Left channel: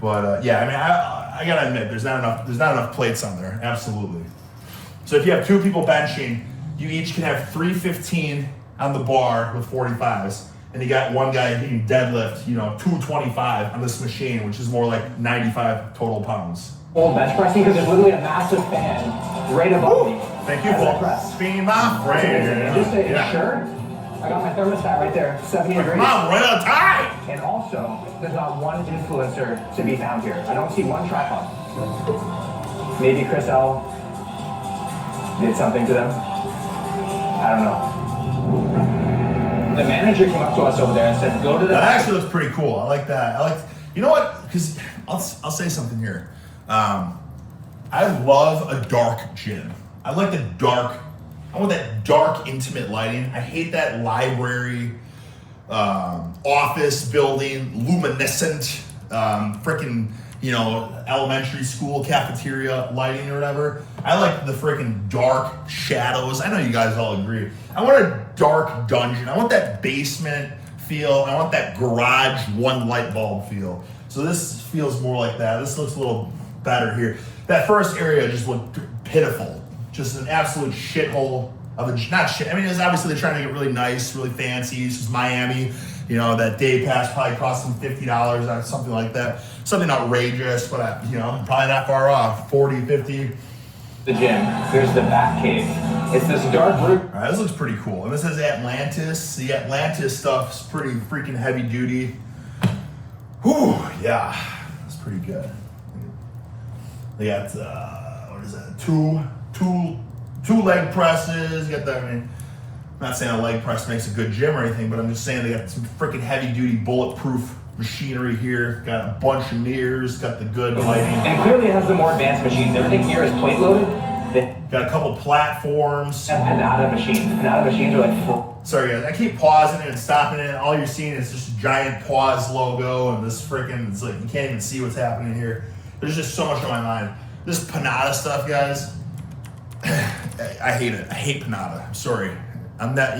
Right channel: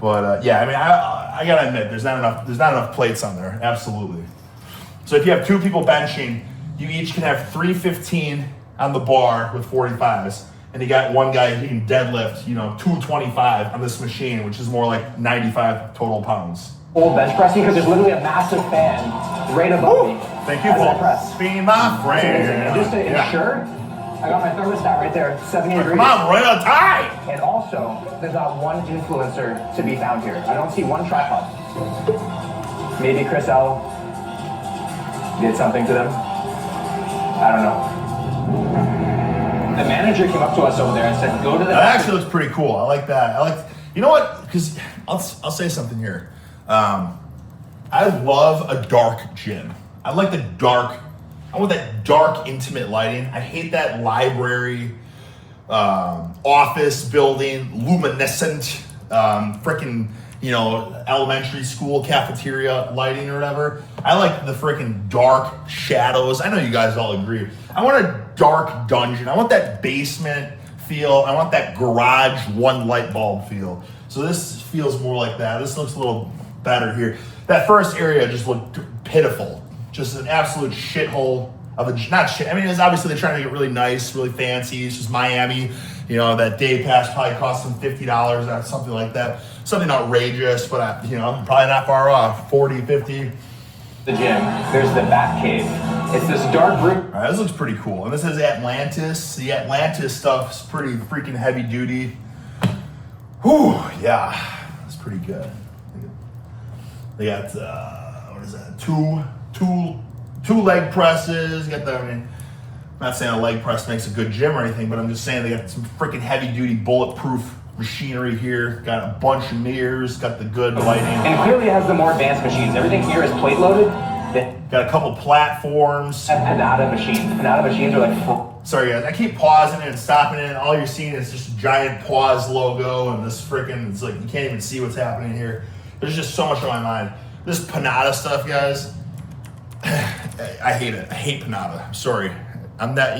But yeah, I mean, I gotta admit, there's not enough plates on there. Absolutely. So if you have 2 people benching, you each can have 315 on the bar with 45s, and you got one guy who can deadlift, 225 on this machine, which is more like 95 total pounds. Full bench pressing because there's literally a massive fan right above me. Thank you for press. being my friend. It's amazing. And just to ensure, I got my thermostat right there, 70 degrees. Come on, right on time. And also, there's not one influencer to be found here. I don't see one tripod. Maybe Chris L did something to them. I don't know. The manager came up to us over there and said, go to the... That actually looks pretty cool. I like that. You know what? Because I'll say something here. I love a dark gym. I like I want that dark, intimate lighting. I hate that library, office building, luminescent, freaking, elementary school cafeteria lighting or whatever. I like the freaking dark shadows. I know you guys all agree. I want a dark dungeon. I want that basement feel. I want that garage one light bulb feel. So this feels more like that. This looks a little better here. That first area just looked pitiful. Just an absolute shithole of not shit. I mean, it's obviously they're trying to get really nice, really fancy. This was Miami. That day pass probably cost them $50 or something like that. Something outrageous, but probably not far off. 40, 50. The gym. There's the Bat Cave. It's this dark room. All right, this looks pretty cool. And this is Atlantis. The Atlantis stuff's pretty freaking heavy duty. Whew, yeah, it's pretty good. They got what is that? Two leg presses. Got the. I mean, I'm not saying a leg press makes a good gym or anything, but I'm just saying they got some freaking heavy duty bulletproof machinery here. Got a bunch of mirrors. Got the good lighting. And clearly has the more advanced machines. Everything here is plate loaded. They got a couple platforms. have Panada machines. Panada machines are like full. Sorry guys, I keep pausing it and stopping it, and all you're seeing is just a giant pause logo and this freaking, it's like you can't even see what's happening here. There's just so much on my mind. This Panada stuff, guys, I hate it. I hate Panada. I'm sorry. I'm not,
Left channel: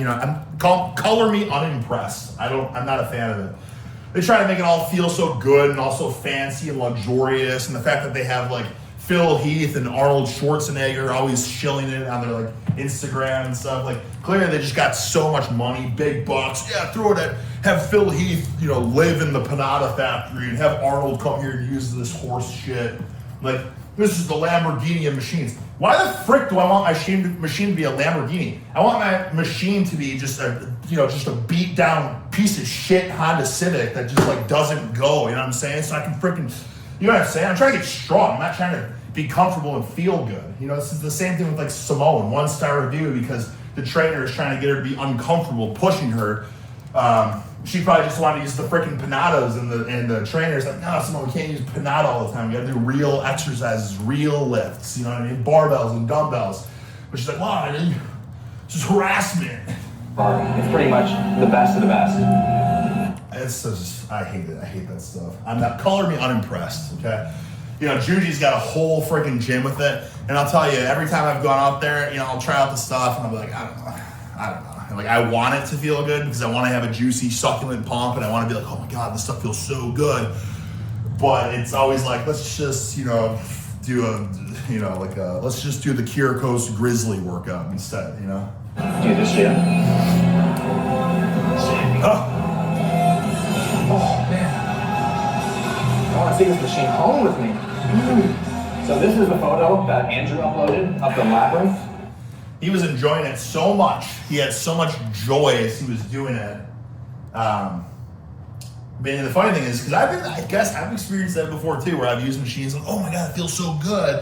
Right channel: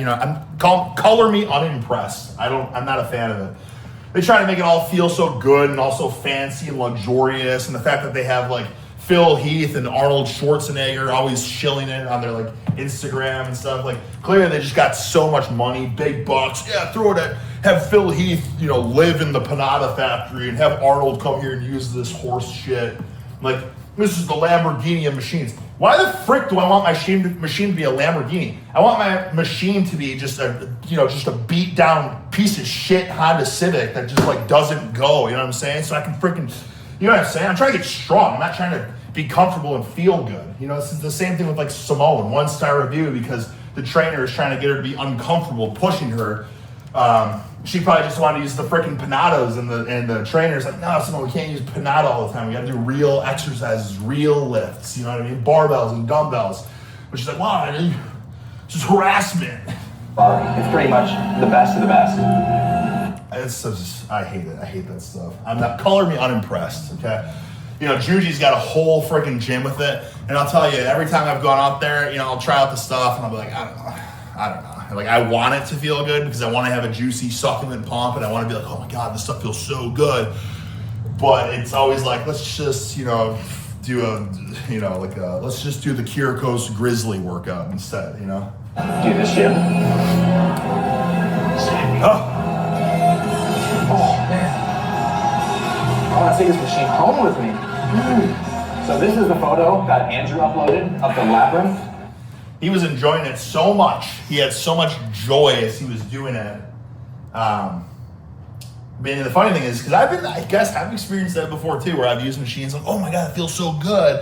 color me unimpressed. I'm not a fan of it. They try to make it all feel so good and also fancy and luxurious, and the fact that they have like Phil Heath and Arnold Schwarzenegger always shilling it on their like Instagram and stuff. Like clearly they just got so much money, big bucks. Yeah, throw it at, have Phil Heath, live in the Panada factory and have Arnold come here and use this horse shit. Like this is the Lamborghini of machines. Why the frick do I want my machine to be a Lamborghini? I want my machine to be just a beat down piece of shit Honda Civic that just like doesn't go. You know what I'm saying? So I can freaking, you know what I'm saying? I'm trying to get strong. I'm not trying to be comfortable and feel good. This is the same thing with like Simone, 1-star review because the trainer is trying to get her to be uncomfortable pushing her. She probably just wanted to use the freaking Panadas and the trainer's like, no, Simone, we can't use Panada all the time. We got to do real exercises, real lifts, you know what I mean? Barbells and dumbbells. But she's like, wow, this is harassment. It's pretty much the best of the best. It's just, I hate it. I hate that stuff. Color me unimpressed, okay? Juji's got a whole freaking gym with it. And I'll tell you, every time I've gone out there, I'll try out the stuff and I'll be like, I don't know. Like, I want it to feel good because I want to have a juicy, succulent pump and I want to be like, oh my God, this stuff feels so good. But it's always like, let's just, do let's just do the Kyrikos Grizzly workout instead, Do this gym. Oh, man. I want to take this machine home with me. So this is the photo that Andrew uploaded of the labyrinth. He was enjoying it so much. He had so much joy as he was doing it. And the funny thing is, because I've experienced that before too, where I've used machines like, oh my God, it feels so good.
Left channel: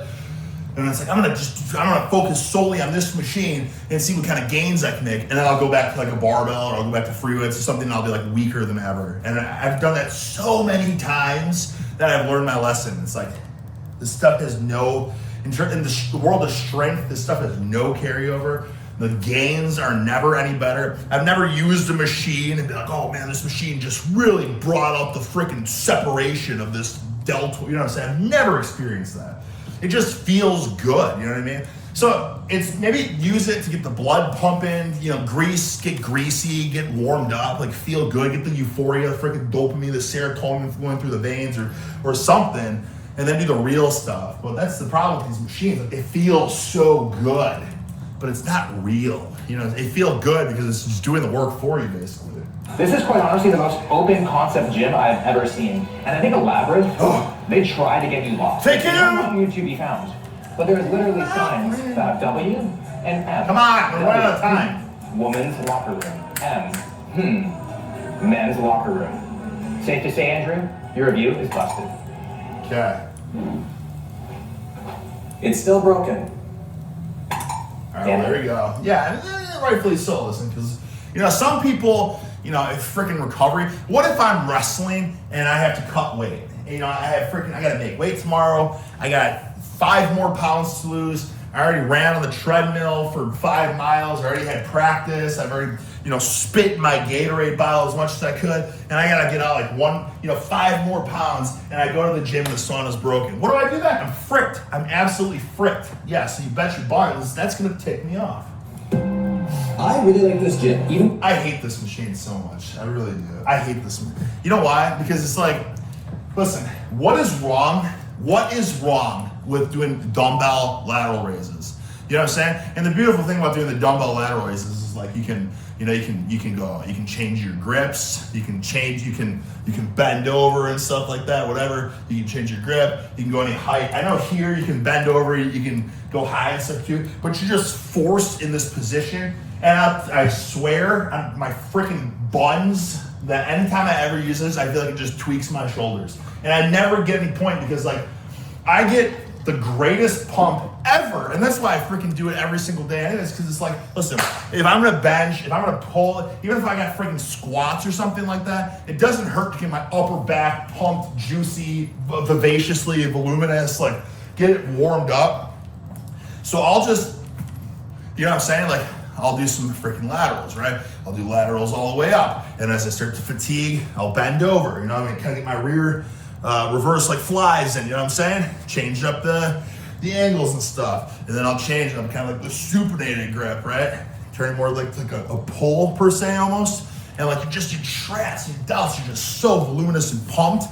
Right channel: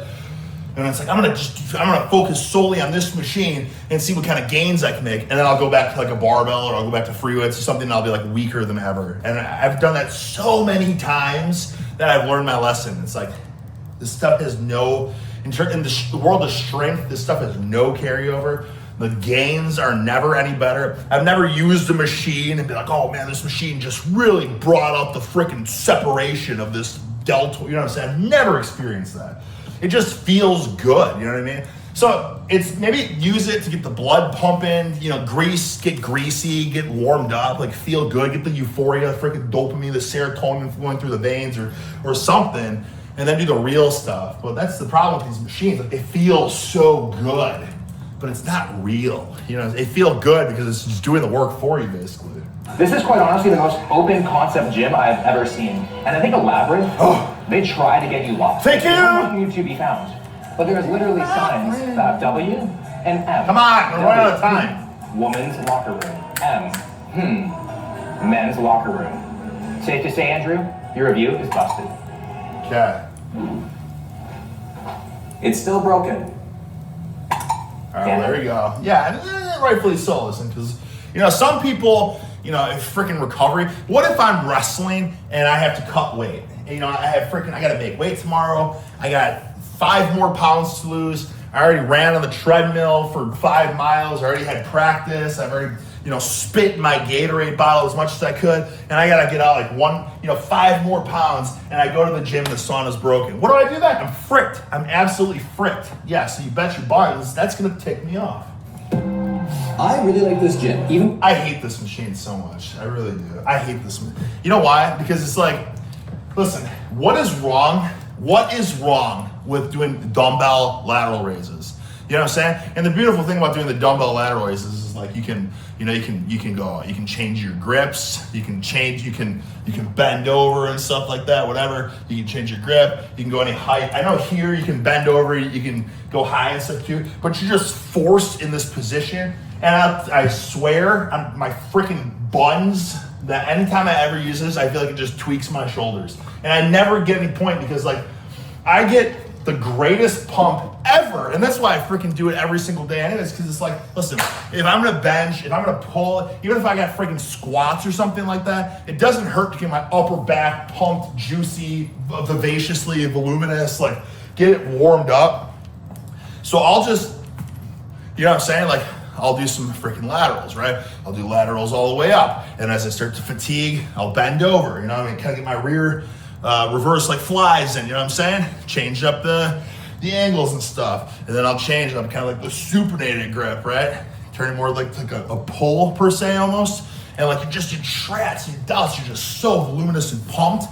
And it's like, I'm gonna focus solely on this machine and see what kind of gains I can make. And then I'll go back to like a barbell or I'll go back to free weights or something and I'll be like weaker than ever. And I've done that so many times that I've learned my lesson. It's like, this stuff has no, in the world of strength, this stuff has no carryover. The gains are never any better. I've never used a machine and be like, oh man, this machine just really brought out the freaking separation of this deltoid. You know what I'm saying? I've never experienced that. It just feels good. You know what I mean? So it's maybe use it to get the blood pumping, you know, get greasy, get warmed up, like feel good, get the euphoria, freaking dopamine, the serotonin flowing through the veins or something, and then do the real stuff. But that's the problem with these machines, like they feel so good, but it's not real. You know, they feel good because it's just doing the work for you, basically. This is quite honestly the most open concept gym I've ever seen. And I think a Labyrinth, they try to get you lost. Take They care. don't want you to be found. But there's literally signs that have W and M. Come on, we're running out of W, time. Women's locker room. M. Men's locker room. Safe to say, Andrew, your review is busted. Okay. It's still broken. There you go. Yeah, and rightfully so, listen, because, you know, some people, you know, it's freaking recovery. What if I'm wrestling and I have to cut weight? You know, I got to make weight tomorrow. I got 5 more pounds to lose. I already ran on the treadmill for 5 miles. I already had practice. I've already, you know, spit in my Gatorade bottle as much as I could. And I got to get out like 5 more pounds. And I go to the gym, the sauna's broken. What do I do then? I'm fricked. I'm absolutely fricked. Yes, and you bet your buns, that's going to tick me off. I really like this gym. I hate this machine so much. I really do. I hate this. You know why? Because it's like, listen, what is wrong? What is wrong with doing dumbbell lateral raises? You know what I'm saying? And the beautiful thing about doing the dumbbell lateral raises is like you can change your grips, you can bend over and stuff like that, whatever. You can change your grip, you can go any height. I know here you can bend over, you can go high and stuff too, but you're just forced in this position. And I swear on my freaking buns that anytime I ever use this, I feel like it just tweaks my shoulders. And I never get any point because like I get the greatest pump ever. And that's why I freaking do it every single day anyways, because it's like, listen, if I'm gonna bench, if I'm gonna pull, even if I got freaking squats or something like that, it doesn't hurt to get my upper back pumped, juicy, vivaciously voluminous, like get it warmed up. So I'll just, you know what I'm saying? Like I'll do some freaking laterals, right? I'll do laterals all the way up. And as I start to fatigue, I'll bend over, you know what I mean? Kind of get my rear reverse like flies in, you know what I'm saying? Change up the angles and stuff. And then I'll change them kind of like the supinated grip, right? Turn it more like a pull per se almost. And like you just do traps and delts, you're just so voluminous and pumped.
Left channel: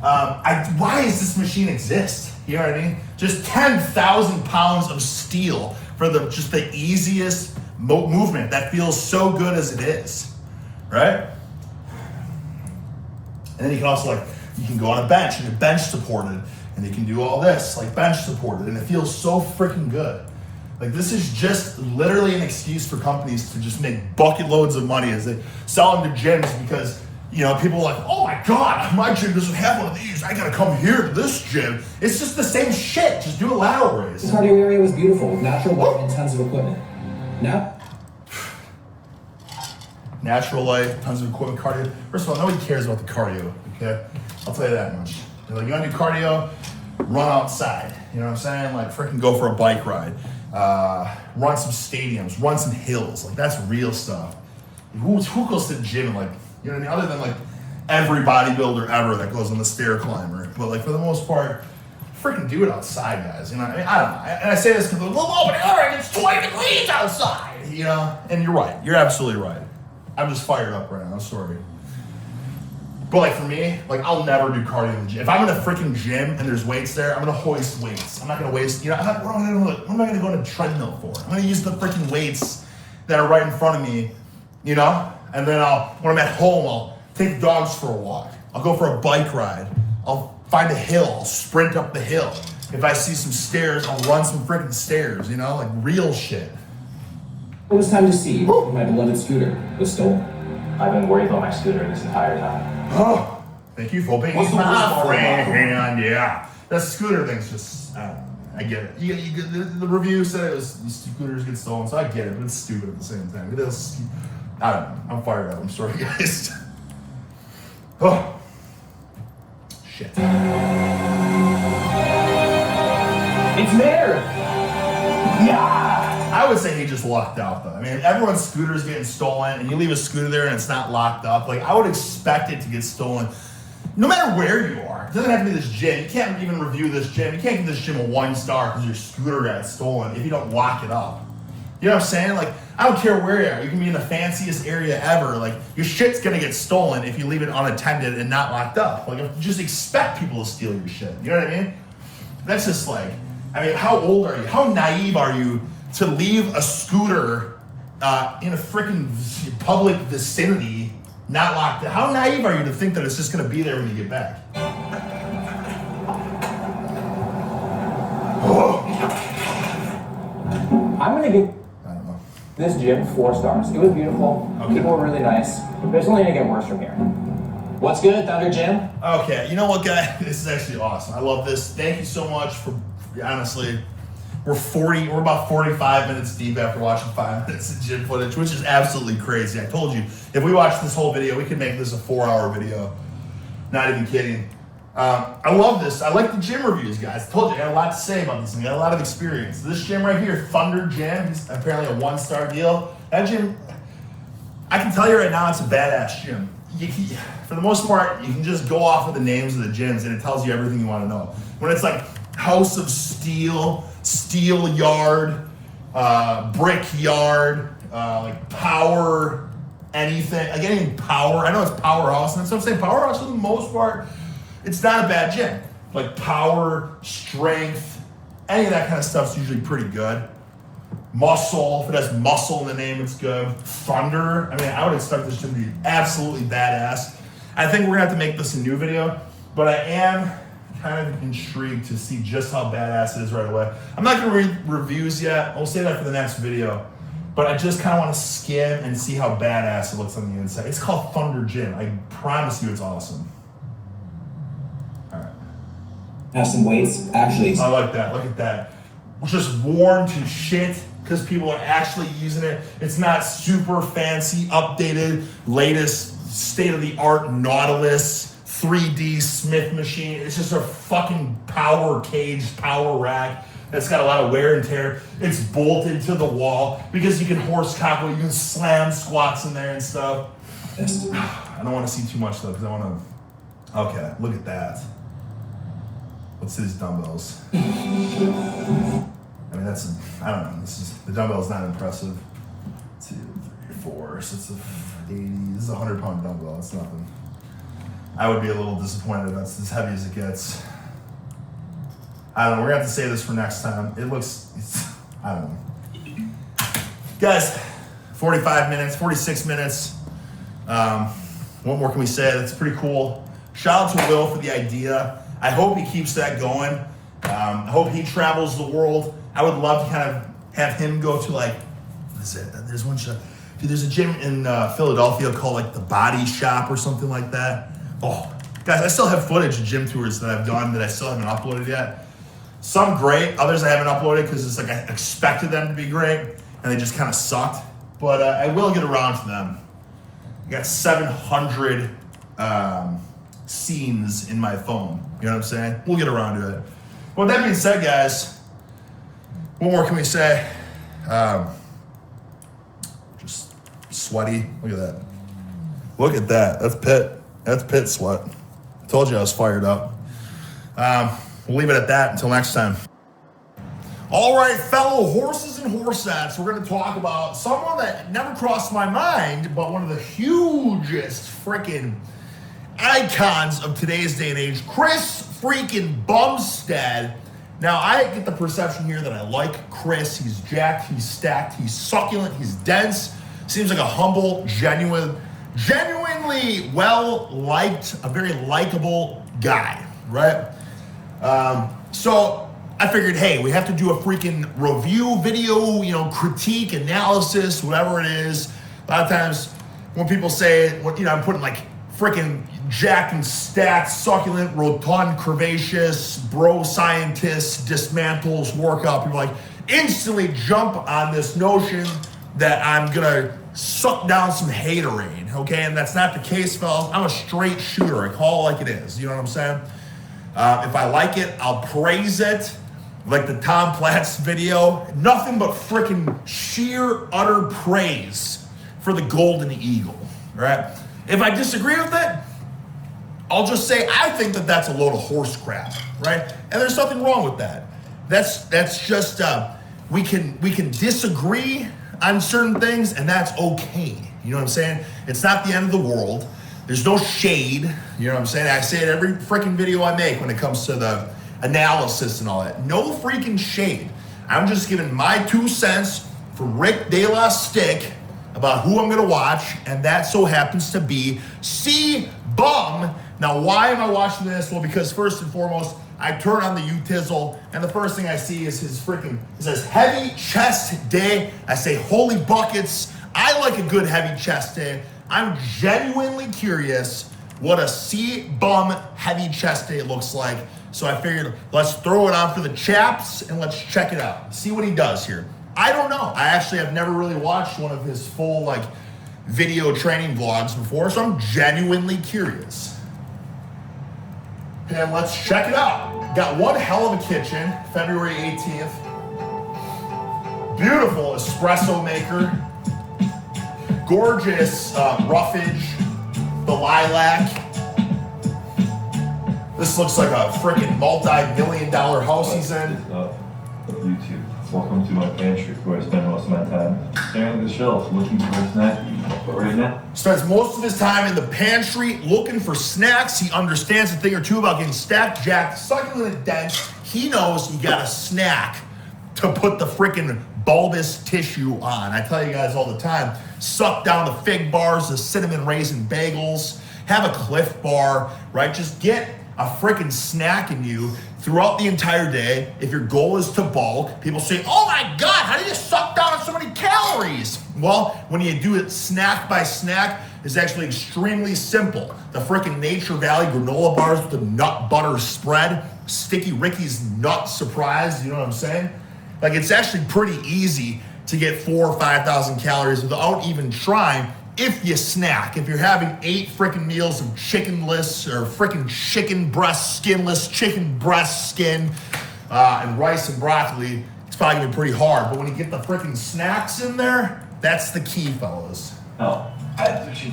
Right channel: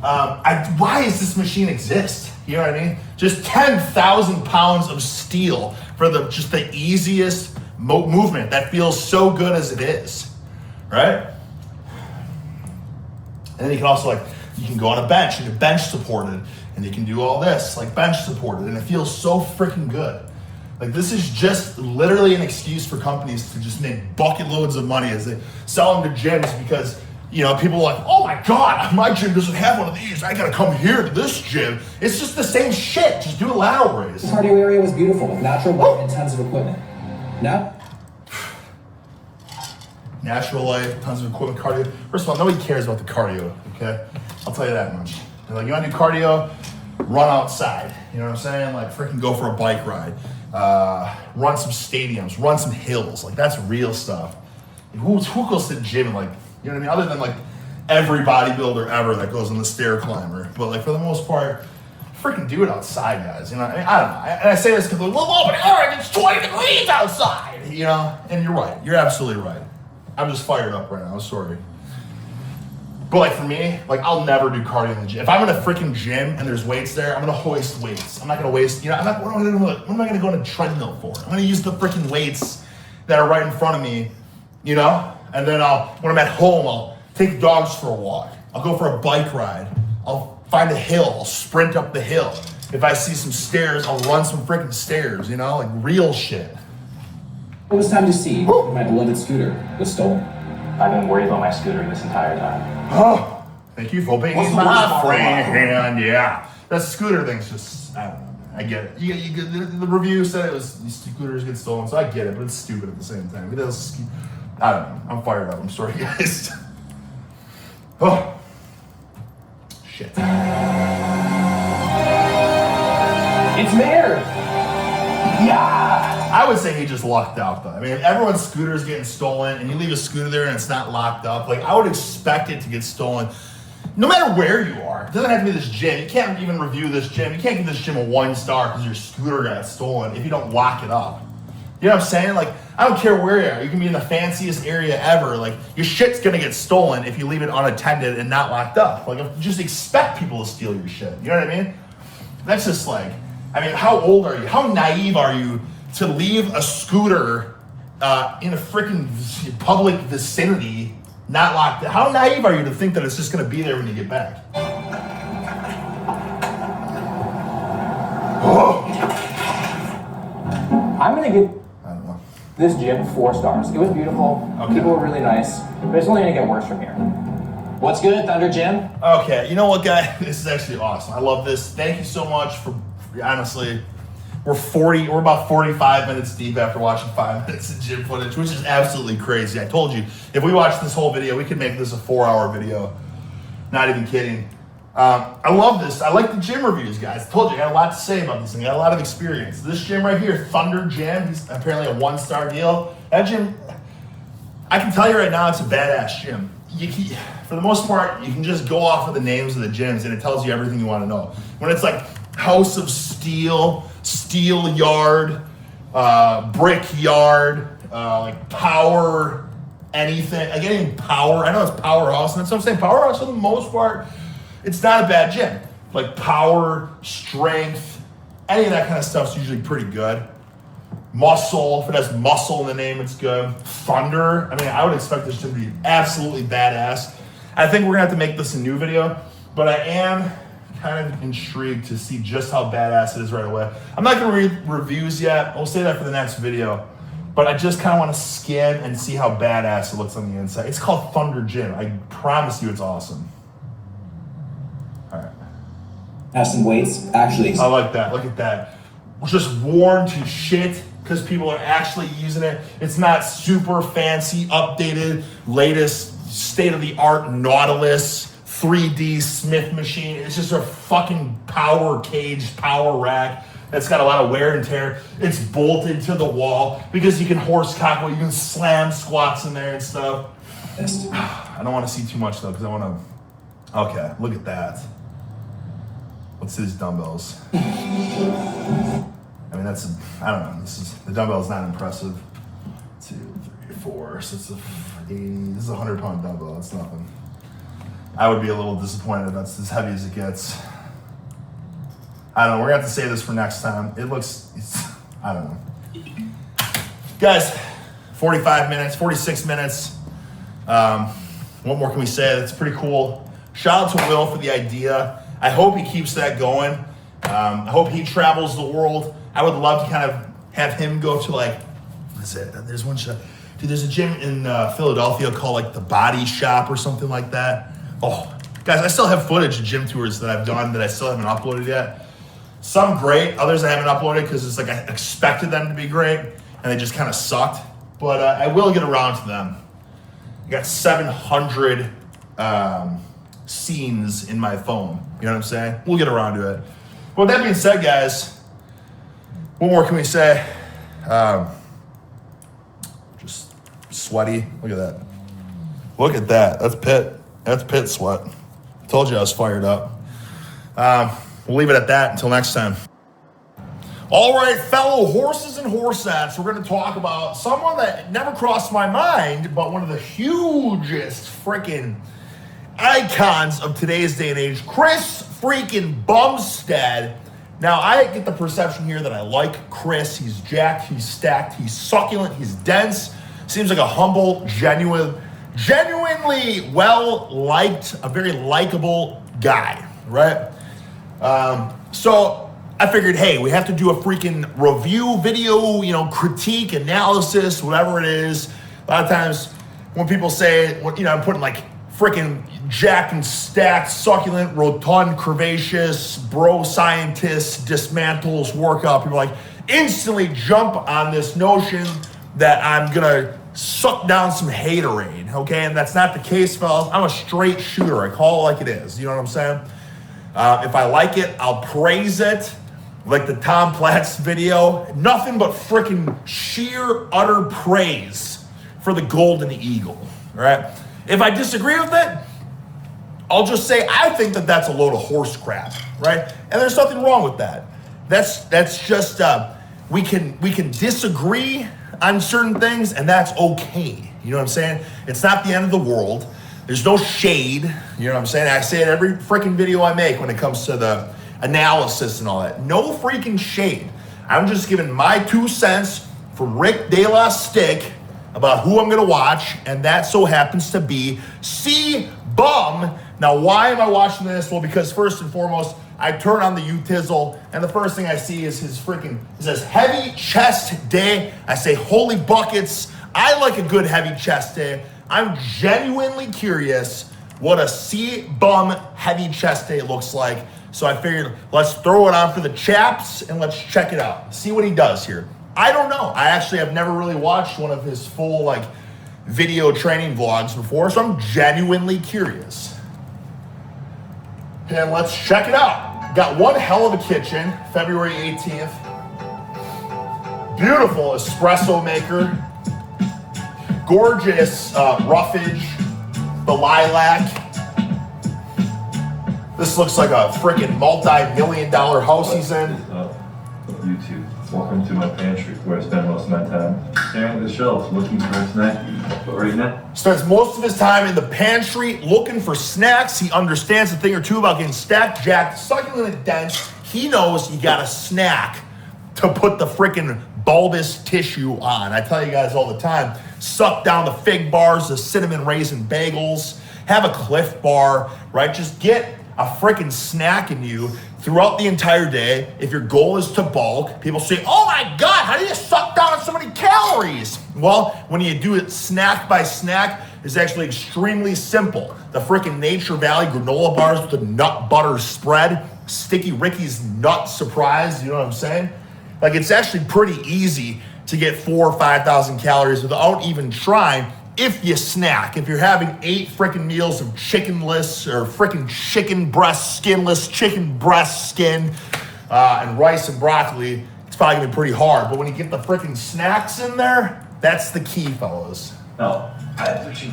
Why does this machine exist? You know what I mean? Just 10,000 pounds of steel for just the easiest movement that feels so good as it is, right? And then you can also you can go on a bench and you're bench supported and you can do all this like bench supported and it feels so freaking good. Like this is just literally an excuse for companies to just make bucket loads of money as they sell them to gyms because, you know, people are like, oh my God, my gym doesn't have one of these. I gotta come here to this gym. It's just the same shit. Just do a lateral raise. The cardio area was beautiful, with natural light and tons of equipment. Now? Natural light, tons of equipment, cardio. First of all, nobody cares about the cardio, okay? I'll tell you that much. You're like, you wanna do cardio? Run outside. You know what I'm saying? Like freaking go for a bike ride. Run some stadiums, run some hills. Like that's real stuff. Who goes to the gym and like, you know what I mean? Other than like every bodybuilder ever that goes on the stair climber. But like for the most part, freaking do it outside, guys. You know, I don't know. And I say this because, well, but Eric, it's 20 degrees outside. You know, and you're right. You're absolutely right. I'm just fired up right now. I'm sorry. But like for me, like I'll never do cardio in the gym. If I'm in a freaking gym and there's weights there, I'm gonna hoist weights. I'm not gonna waste, you know, what am I gonna go on a treadmill for? I'm gonna use the freaking weights that are right in front of me, you know? And then when I'm at home, I'll take dogs for a walk. I'll go for a bike ride. I'll find a hill, I'll sprint up the hill. If I see some stairs, I'll run some freaking stairs, you know, like real shit. It was time to see if my beloved scooter was stolen. I've been worried about my scooter this entire time. Oh, thank you for being What's the worst my part about friend. Yeah, that scooter thing's just, I don't know. I get it. The review said these scooters get stolen, so I get it, but it's stupid at the same time. It is, I don't know. I'm fired up. I'm sorry, guys. Oh, shit. It's there! Yeah! I would say he just lucked out, though. I mean, if everyone's scooter's getting stolen and you leave a scooter there and it's not locked up, like I would expect it to get stolen no matter where you are, it doesn't have to be this gym. You can't even review this gym. You can't give this gym a 1 star because your scooter got stolen if you don't lock it up. You know what I'm saying? Like, I don't care where you are. You can be in the fanciest area ever. Like, your shit's gonna get stolen if you leave it unattended and not locked up. Like, just expect people to steal your shit. You know what I mean? That's just like, I mean, how old are you? How naive are you to leave a scooter in a freaking public vicinity not locked up? How naive are you to think that it's just gonna be there when you get back? Oh. I'm gonna give this gym 4 stars. It was beautiful. Okay. People were really nice, but it's only gonna get worse from here. What's good, Thunder Gym? Okay, you know what, guys? This is actually awesome. I love this. Thank you so much for, honestly, we're about 45 minutes deep after watching 5 minutes of gym footage, which is absolutely crazy. I told you, if we watched this whole video, we could make this a 4-hour video. Not even kidding. I love this. I like the gym reviews, guys. I told you, I got a lot to say about this thing. I got a lot of experience. This gym right here, Thunder Gym, he's apparently a 1-star deal. That gym, I can tell you right now, it's a badass gym. For the most part, you can just go off of the names of the gyms and it tells you everything you want to know. When it's like House of Steel, Steel Yard, Brick Yard, like Power anything, like any Power, I know it's Powerhouse, and that's what I'm saying, Powerhouse for the most part, it's not a bad gym. Like Power, Strength, any of that kind of stuff's usually pretty good. Muscle, if it has muscle in the name, it's good. Thunder, I mean, I would expect this to be absolutely badass. I think we're gonna have to make this a new video, but I am kind of intrigued to see just how badass it is right away. I'm not gonna read reviews yet. We'll say that for the next video, but I just kind of want to skim and see how badass it looks on the inside. It's called Thunder Gym. I promise you it's awesome. All right. Have some weights. Actually, I like that. Look at that. Just worn to shit because people are actually using it. It's not super fancy, updated, latest state-of-the-art Nautilus 3D Smith machine. It's just a fucking power cage, power rack that's got a lot of wear and tear. It's bolted to the wall because you can horse cock, you can slam squats in there and stuff. yes. I don't want to see too much though because I want to. Okay, look at that. What's these dumbbells? I mean, I don't know. The dumbbell's not impressive. 2, 3, 4. So it's 80. This is a 100-pound dumbbell. It's nothing. I would be a little disappointed if that's as heavy as it gets. I don't know. We're gonna have to say this for next time. I don't know. Guys, 45 minutes, 46 minutes. What more can we say? That's pretty cool. Shout out to Will for the idea. I hope he keeps that going. I hope he travels the world. I would love to kind of have him go to like, what is it? There's one shop. Dude, there's a gym in Philadelphia called like the Body Shop or something like that. Oh, guys, I still have footage of gym tours that I've done that I still haven't uploaded yet. Some great, others I haven't uploaded because it's like I expected them to be great and they just kind of sucked. But I will get around to them. I got 700 scenes in my phone. You know what I'm saying? We'll get around to it. But with that being said, guys, what more can we say? Just sweaty. Look at that. Look at that. That's pit. That's pit sweat. Told you I was fired up. We'll leave it at that until next time. All right, fellow horses and horseaps, we're going to talk about someone that never crossed my mind, but one of the hugest freaking icons of today's day and age, Chris freaking Bumstead. Now, I get the perception here that I like Chris. He's jacked, he's stacked, he's succulent, he's dense. Seems like a humble, genuinely well-liked, a very likable guy, right? So I figured, hey, we have to do a freaking review video, critique, analysis, whatever it is. A lot of times when people say, I'm putting like freaking jacked and stacked, succulent, rotund, curvaceous, bro scientist, dismantles, workout, people like instantly jump on this notion that I'm gonna suck down some haterade, okay? And that's not the case, fellas. I'm a straight shooter. I call it like it is. You know what I'm saying? If I like it, I'll praise it. Like the Tom Platz video, nothing but freaking sheer, utter praise for the Golden Eagle, right? If I disagree with it, I'll just say I think that that's a load of horse crap, right? And there's nothing wrong with that. That's just we can disagree on certain things, and that's okay. You know what I'm saying? It's not the end of the world. There's no shade. You know what I'm saying? I say it every freaking video I make when it comes to the analysis and all that. No freaking shade. I'm just giving my 2 cents from Rick De La Stick about who I'm gonna watch, and that so happens to be C-Bum. Now, why am I watching this? Well, because first and foremost, I turn on the U-Tizzle, and the first thing I see is his freaking, it says heavy chest day. I say, holy buckets. I like a good heavy chest day. I'm genuinely curious what a C-Bum heavy chest day looks like. So I figured, let's throw it on for the chaps and let's check it out. See what he does here. I don't know. I actually have never really watched one of his full like video training vlogs before, so I'm genuinely curious. And let's check it out. Got one hell of a kitchen, February 18th. Beautiful espresso maker. Gorgeous roughage, the lilac. This looks like a freaking multi-million-dollar house he's in. YouTube. Welcome to my pantry, where I spend most of my time staring at the shelves, looking for a snack. But right now, Spends most of his time in the pantry looking for snacks. He understands a thing or two about getting stacked, jacked, succulent, dense. He knows you got a snack to put the freaking bulbous tissue on. I tell you guys all the time, suck down the fig bars, the cinnamon raisin bagels, have a Cliff Bar, right? Just get a freaking snack in you throughout the entire day. If your goal is to bulk, people say, oh my God, how do you suck down so many calories? Well, when you do it snack by snack, it's actually extremely simple. The freaking Nature Valley granola bars with the nut butter spread, Sticky Ricky's nut surprise, you know what I'm saying? Like, it's actually pretty easy to get 4,000 or 5,000 calories without even trying. If you snack, if you're having 8 freaking meals of chickenless or freaking chicken breast skinless, chicken breast skin, and rice and broccoli, it's probably gonna be pretty hard. But when you get the freaking snacks in there, that's the key, fellas. oh,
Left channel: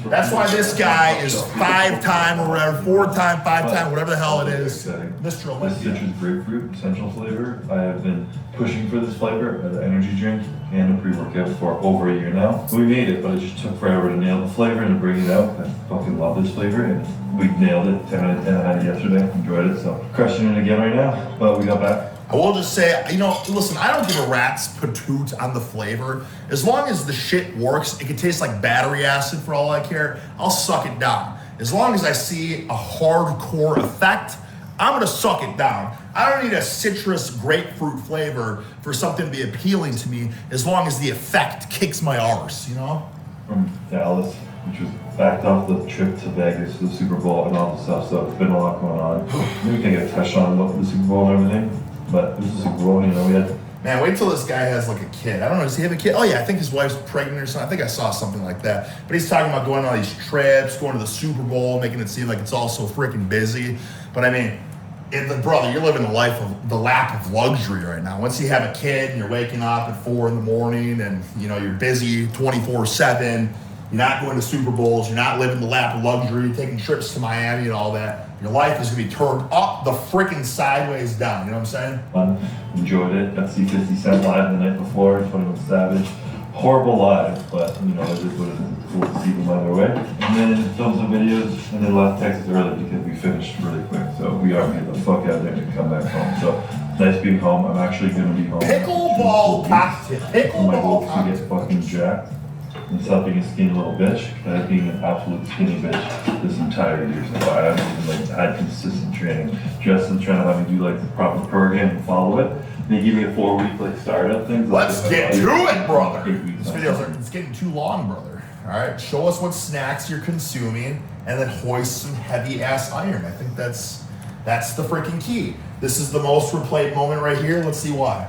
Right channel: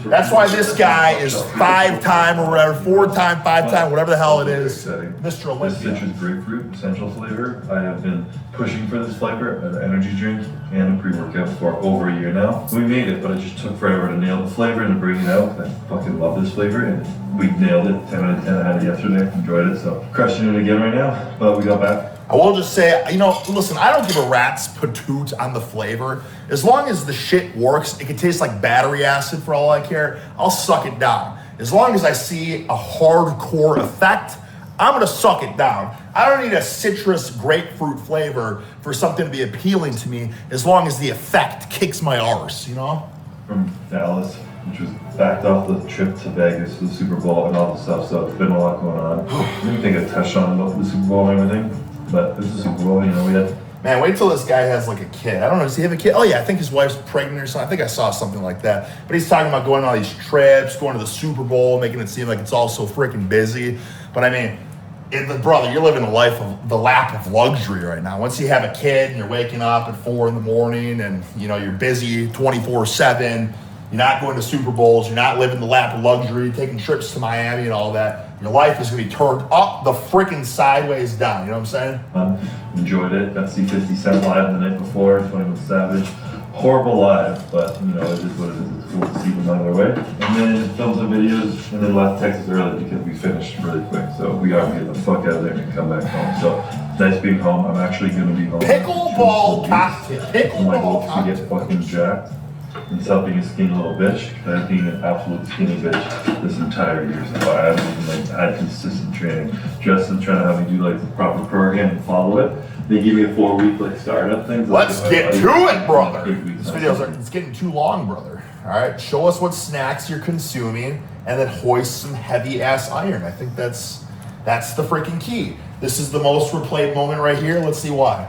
That's why this guy is 5-time or whatever, 4-time, 5-time, whatever the hell it is, Mr. This Olympia. citrus grapefruit essential flavor. I have been pushing for this flavor as an energy drink and a pre-workout for over a year now. We made it, but it just took forever to nail the flavor and to bring it out. I fucking love this flavor, and we nailed it. 10 out of 10. I had it yesterday. Enjoyed it, so crushing it again right now. But we got back. I will just say, you know, listen, I don't give a rat's patoot on the flavor. As long as the shit works, it could taste like battery acid for all I care. I'll suck it down. As long as I see a hardcore effect, I'm gonna suck it down. I don't need a citrus grapefruit flavor for something to be appealing to me, as long as the effect kicks my arse, you know? From Dallas, which was backed off the trip to Vegas for the Super Bowl and all the stuff, so it's been a lot going on. I didn't think I touched on the Super Bowl and everything, but this is the Super Bowl, you know, we had... Man, wait till this guy has like a kid. I don't know, does he have a kid? Oh yeah, I think his wife's pregnant or something. I think I saw something like that. But he's talking about going on these trips, going to the Super Bowl, making it seem like it's all so freaking busy. But I mean, brother, you're living the lap of luxury right now. Once you have a kid and you're waking up at 4 in the morning and you know you're busy 24/7, you're not going to Super Bowls, you're not living the lap of luxury, taking trips to Miami and all that. Your life is gonna be turned up the freaking sideways down. You know what I'm saying? Fun, enjoyed it. Got to see 50 Cent live the night before, 21 Savage. Horrible live, but you know, it is what it is. It's cool to see them on their way. And then filmed some videos and then left Texas early because we finished really quick. So we are gonna get the fuck out of there and come back home. So nice being home. I'm actually gonna be home. Pickleball cocktail. My goal Pickleball is to cocktail. get fucking jacked. It's helping a skinny little bitch by being an absolute skinny bitch this entire year. So I haven't even like had consistent training. Justin trying to have me do like the proper program and follow it. They give me a 4-week like startup thing. So Let's get to it, brother. 8 weeks. This video it's getting too long, brother. All right, show us what snacks you're consuming, and then hoist some heavy ass iron. I think that's the freaking key. This is the most replayed moment right here. Let's see why.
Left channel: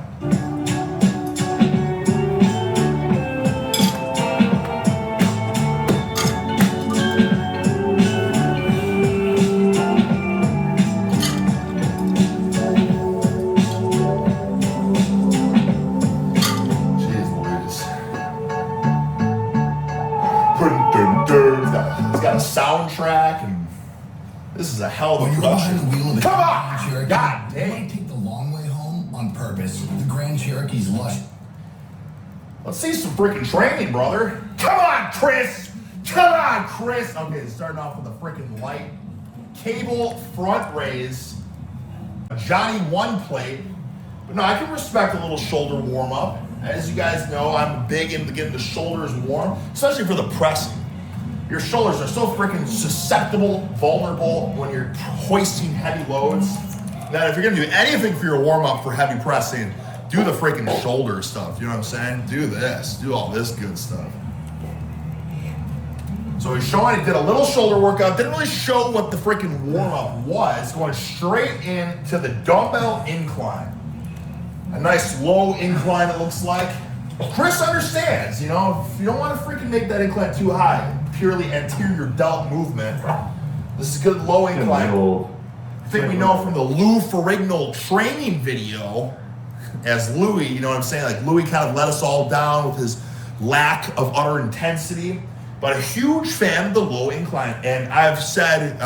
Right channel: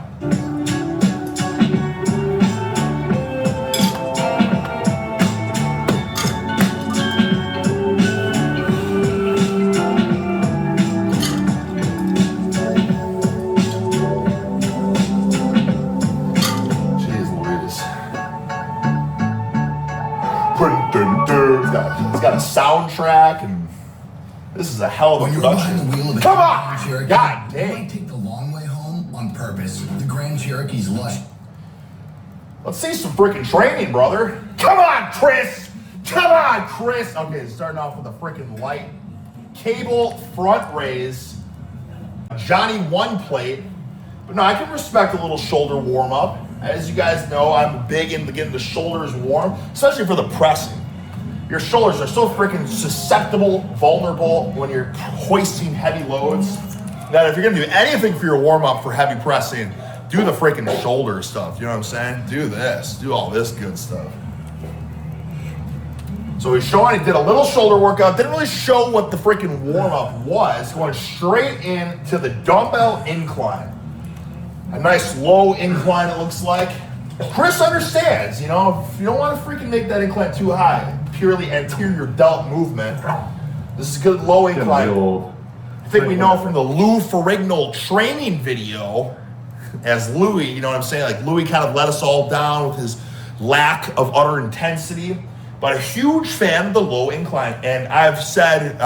It's got a soundtrack and This is a hell of a When you're behind the production. wheel of the Come Grand on! Cherokee, God you damn. might take the long way home on purpose. The Grand Cherokee's lush. Let's see some freaking training, brother. Come on, Chris! Come on, Chris! Okay, starting off with a freaking light cable front raise. A Johnny 1 plate. But no, I can respect a little shoulder warm up. As you guys know, I'm big into getting the shoulders warm, especially for the pressing. Your shoulders are so freaking susceptible, vulnerable when you're hoisting heavy loads that if you're gonna do anything for your warm up for heavy pressing, do the freaking shoulder stuff. You know what I'm saying? Do this, do all this good stuff. So he's showing, he did a little shoulder workout, didn't really show what the freaking warm up was, going straight into the dumbbell incline. A nice low incline, it looks like. Chris understands, you know, if you don't want to freaking make that incline too high, purely anterior delt movement, this is a good low incline. I think we know from the Lou Ferrigno training video, as Louis, you know what I'm saying? Like Louis kind of let us all down with his lack of utter intensity, but a huge fan of the low incline. And I've said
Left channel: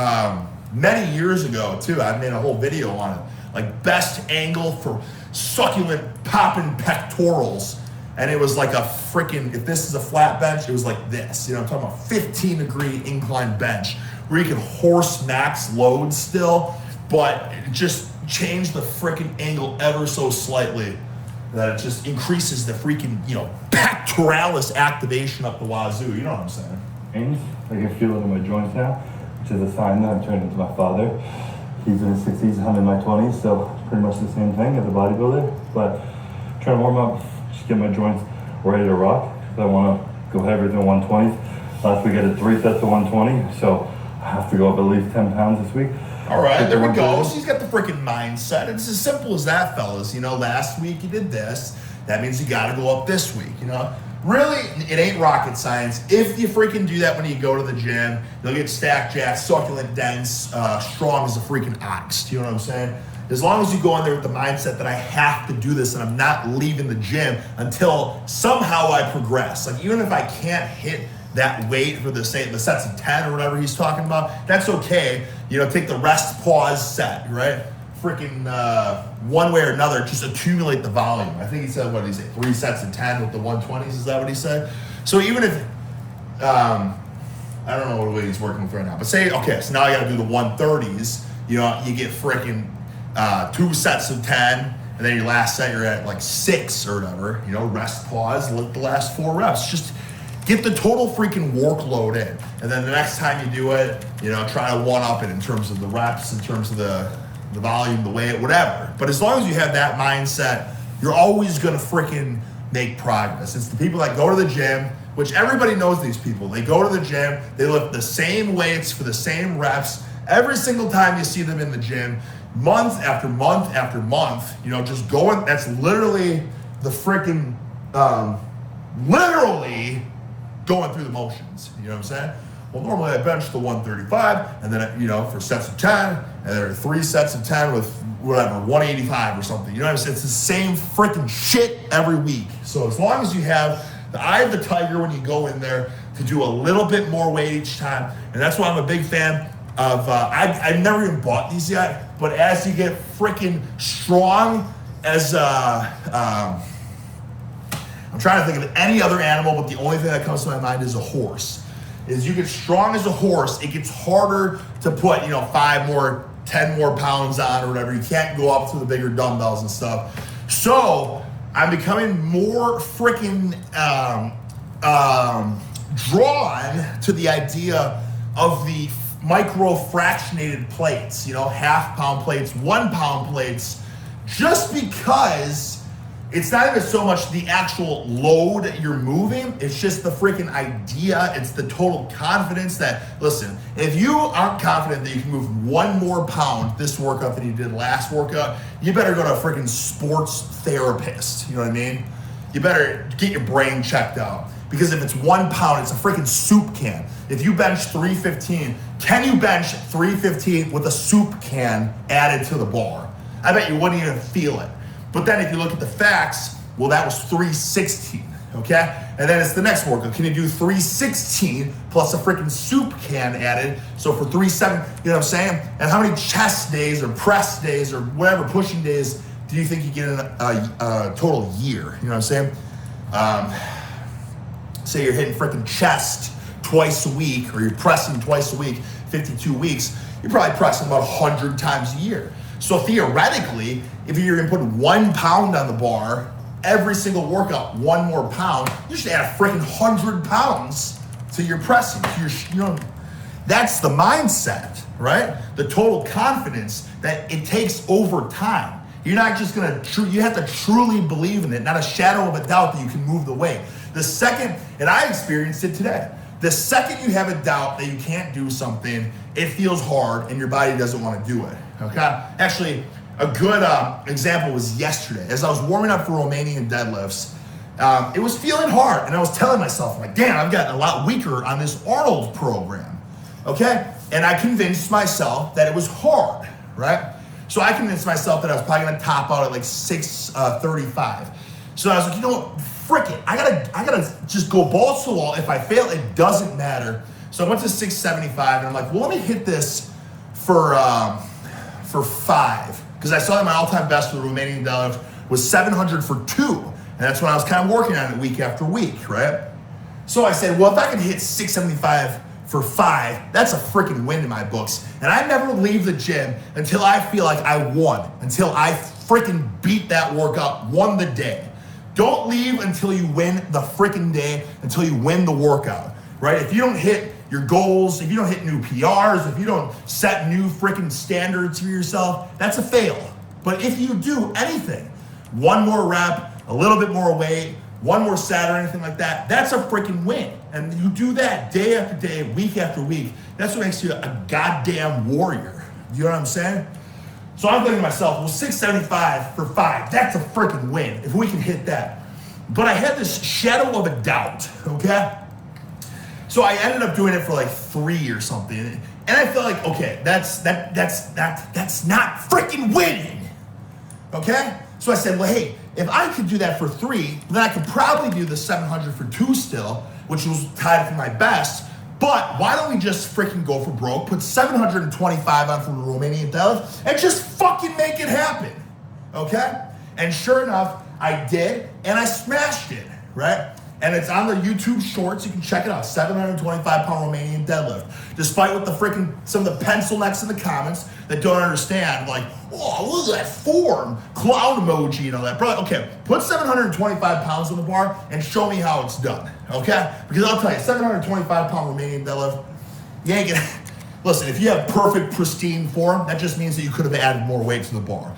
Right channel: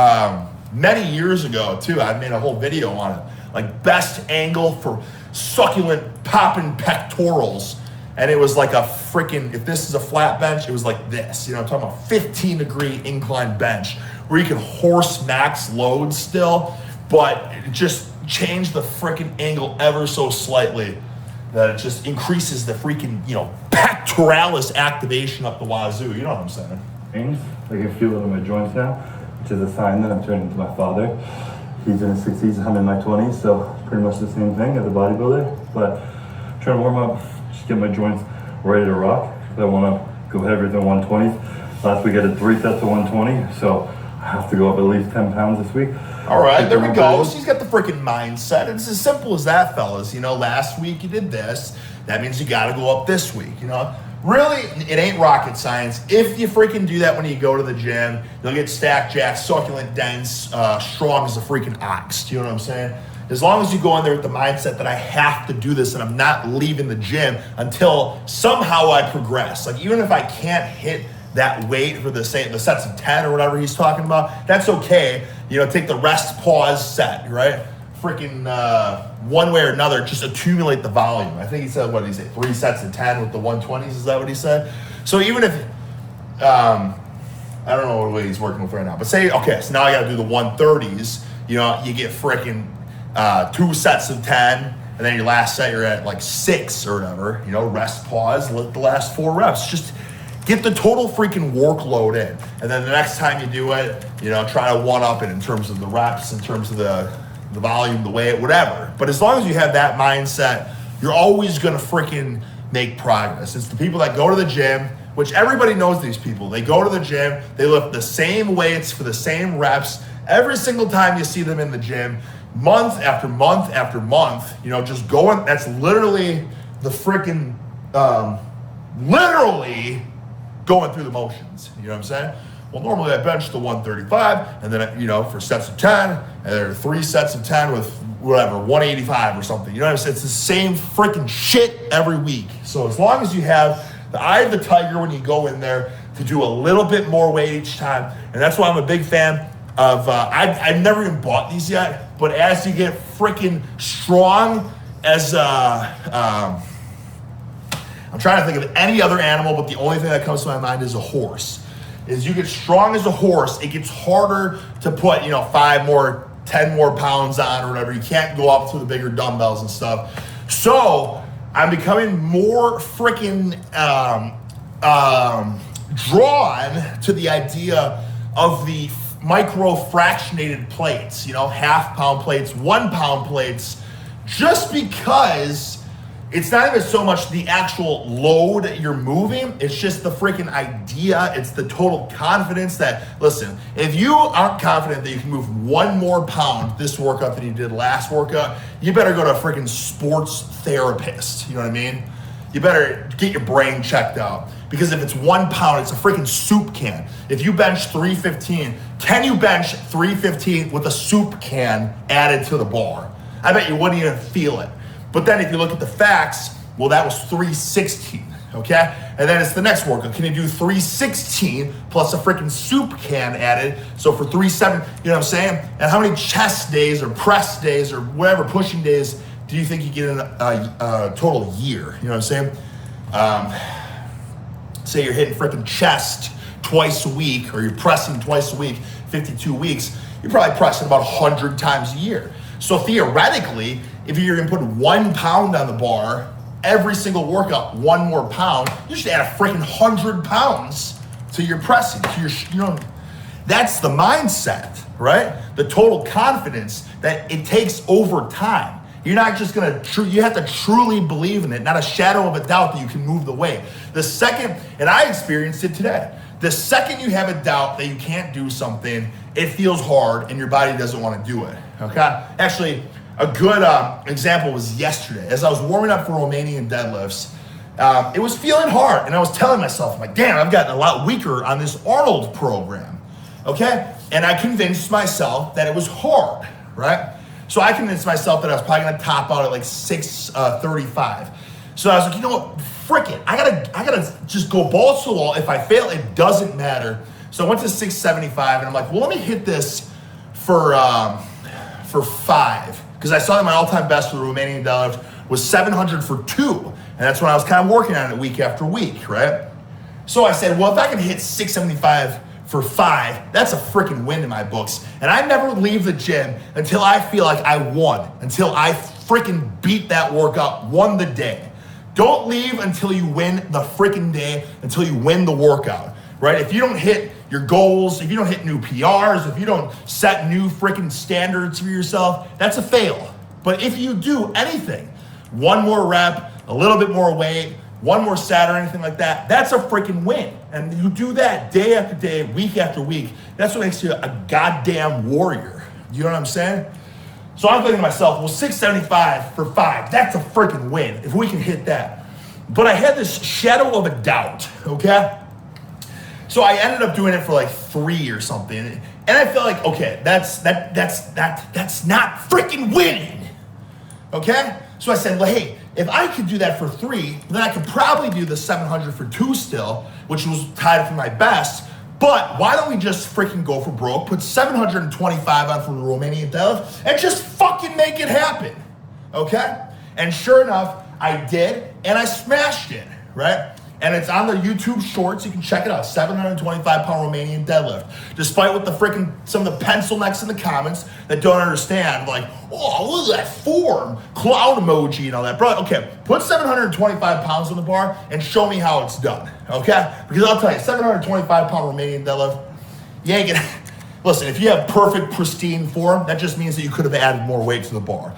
many years ago too, I've made a whole video on it, like best angle for succulent popping pectorals. And it was like a freaking, if this is a flat bench, it was like this. You know, I'm talking about 15-degree incline bench where you can horse max load still, but just change the freaking angle ever so slightly that it just increases the freaking, you know, pectoralis activation up the wazoo. You know what I'm saying? I can feel it in my joints now, which is a sign that I'm turning into my father. He's in his 60s, I'm in my 20s, so pretty much the same thing as a bodybuilder. But trying to warm up, just get my joints ready to rock. I want to go heavier than 120. Last week I did 3 sets of 120, so I have to go up at least 10 pounds this week. All right, there we go. So he's got the freaking mindset. It's as simple as that, fellas. You know, last week you did this. That means you got to go up this week, you know? Really, it ain't rocket science. If you freaking do that when you go to the gym, you'll get stacked jacked, succulent, dense, strong as a freaking ox. Do you know what I'm saying? As long as you go in there with the mindset that I have to do this and I'm not leaving the gym until somehow I progress. Like even if I can't hit that weight for the sets of 10 or whatever he's talking about, that's okay. You know, take the rest, pause, set, right? Freaking one way or another, just accumulate the volume. I think he said, what did he say? 3 sets of 10 with the 120s, is that what he said? So even if, I don't know what way he's working with right now, but say, okay, so now I gotta do the 130s, you know, you get freaking 2 sets of 10, and then your last set you're at like 6 or whatever, you know, rest, pause, let the last 4 reps. Just get the total freaking workload in. And then the next time you do it, you know, try to one-up it in terms of the reps, in terms of the volume, the weight, whatever. But as long as you have that mindset, you're always gonna freaking make progress. It's the people that go to the gym, which everybody knows these people. They go to the gym, they lift the same weights for the same reps every single time you see them in the gym, month after month after month, you know, just going, that's literally the freaking, literally going through the motions, you know what I'm saying? Well, normally I bench the 135, and then, you know, for sets of 10, and there are 3 sets of 10 with whatever, 185 or something. You know what I'm saying? It's the same freaking shit every week. So as long as you have the eye of the tiger when you go in there to do a little bit more weight each time, and that's why I'm a big fan of, I've never even bought these yet, but as you get freaking strong as, I'm trying to think of any other animal, but the only thing that comes to my mind is a horse. As you get strong as a horse, it gets harder to put, you know, 5 more, 10 more pounds on or whatever. You can't go up to the bigger dumbbells and stuff. So I'm becoming more freaking drawn to the idea of the micro fractionated plates, you know, 1/2 pound plates, 1 pound plates, just because it's not even so much the actual load you're moving, it's just the freaking idea, it's the total confidence that, listen, if you aren't confident that you can move 1 more pound this workout than you did last workout, you better go to a freaking sports therapist, you know what I mean? You better get your brain checked out. Because if it's 1 pound, it's a freaking soup can. If you bench 315, can you bench 315 with a soup can added to the bar? I bet you wouldn't even feel it. But then if you look at the facts, well, that was 316, okay? And then it's the next workout. Can you do 316 plus a freaking soup can added? So for 3-7, you know what I'm saying? And how many chest days or press days or whatever pushing days do you think you get in a total year? You know what I'm saying? Say you're hitting freaking chest twice a week, or you're pressing twice a week, 52 weeks, you're probably pressing about 100 times a year. So theoretically, if you're gonna put 1 pound on the bar, every single workout, 1 more pound, you should add a freaking 100 pounds to your pressing. To your, you know, that's the mindset, right? The total confidence that it takes over time. You're not just gonna, you have to truly believe in it, not a shadow of a doubt that you can move the weight. The second, and I experienced it today, the second you have a doubt that you can't do something, it feels hard and your body doesn't wanna do it, okay? Actually, a good example was yesterday. As I was warming up for Romanian deadlifts, it was feeling hard, and I was telling myself, I'm like, damn, I've gotten a lot weaker on this Arnold program, okay? And I convinced myself that it was hard, right? So I convinced myself that I was probably gonna top out at like 635. So I was like, you know what, frick it. I gotta just go balls to the wall. If I fail, it doesn't matter. So I went to 675, and I'm like, well, let me hit this for 5. Because I saw that my all-time best for the Romanian deadlift was 700 for 2. And that's when I was kind of working on it week after week, right? So I said, well, if I can hit 675 for 5, that's a freaking win in my books. And I never leave the gym until I feel like I won, until I freaking beat that workout, won the day. Don't leave until you win the freaking day, until you win the workout, right? If you don't hit your goals, if you don't hit new PRs, if you don't set new freaking standards for yourself, that's a fail. But if you do anything, 1 more rep, a little bit more weight, 1 more set or anything like that, that's a freaking win. And you do that day after day, week after week, that's what makes you a goddamn warrior. You know what I'm saying? So I'm thinking to myself, well, 675 for 5, that's a freaking win if we can hit that. But I had this shadow of a doubt, okay? So I ended up doing it for like 3 or something. And I felt like, okay, that's not freaking winning. Okay? So I said, well, hey, if I could do that for 3, then I could probably do the 700 for 2 still, which was tied for my best. But why don't we just freaking go for broke, put 725 on for the Romanian deadlift, and just fucking make it happen. Okay? And sure enough, I did, and I smashed it, right? And it's on the YouTube shorts. You can check it out. 725-pound Romanian deadlift. Despite what some of the pencil necks in the comments that don't understand, like, oh, look at that form, cloud emoji and all that. Bro, okay, put 725 pounds on the bar and show me how it's done, okay? Because I'll tell you, 725-pound Romanian deadlift, you ain't gonna, listen, if you have perfect, pristine form, that just means that you could have added more weight to the bar.